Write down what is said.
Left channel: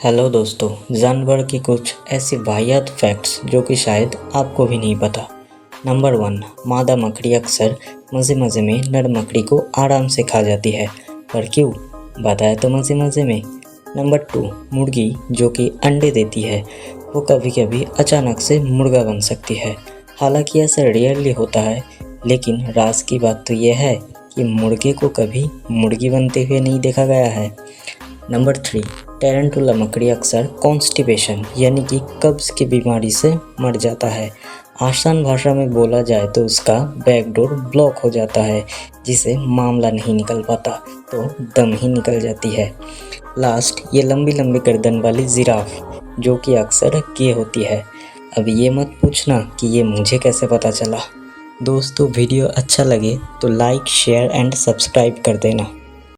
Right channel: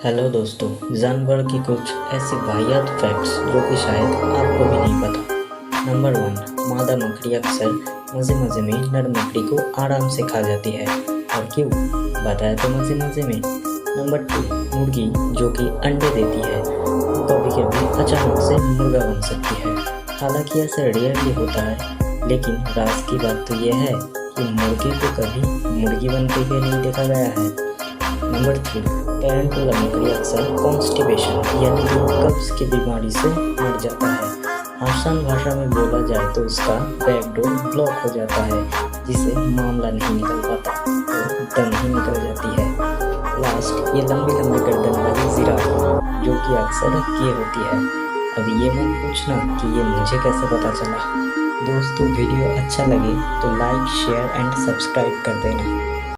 Hello दोस्तों, जानवर की कुछ ऐसी वाहियात फैक्ट्स जो कि शायद आपको भी नहीं पता। नंबर 1, मादा मकड़ी अक्सर मज़े मज़े में नर मकड़ी को आराम से खा जाती है। और क्यों, बताया तो मज़े मज़े में। नंबर 2, मुर्गी जो कि अंडे देती है वो कभी कभी अचानक से मुर्गा बन सकती है। हालांकि ऐसा रेयरली होता है, लेकिन राज की बात तो यह है कि मुर्गे को कभी मुर्गी बनते हुए नहीं देखा गया है। नंबर 3, टेरेंटुला मकड़ी अक्सर कॉन्स्टिपेशन यानी कि कब्ज की बीमारी से मर जाता है। आसान भाषा में बोला जाए तो उसका बैकडोर ब्लॉक हो जाता है, जिसे मामला नहीं निकल पाता तो दम ही निकल जाती है। लास्ट, ये लंबी लंबी गर्दन वाली जिराफ जो कि अक्सर ये होती है। अब ये मत पूछना कि ये मुझे कैसे पता चला। दोस्तों, वीडियो अच्छा लगे तो लाइक शेयर एंड सब्सक्राइब कर देना।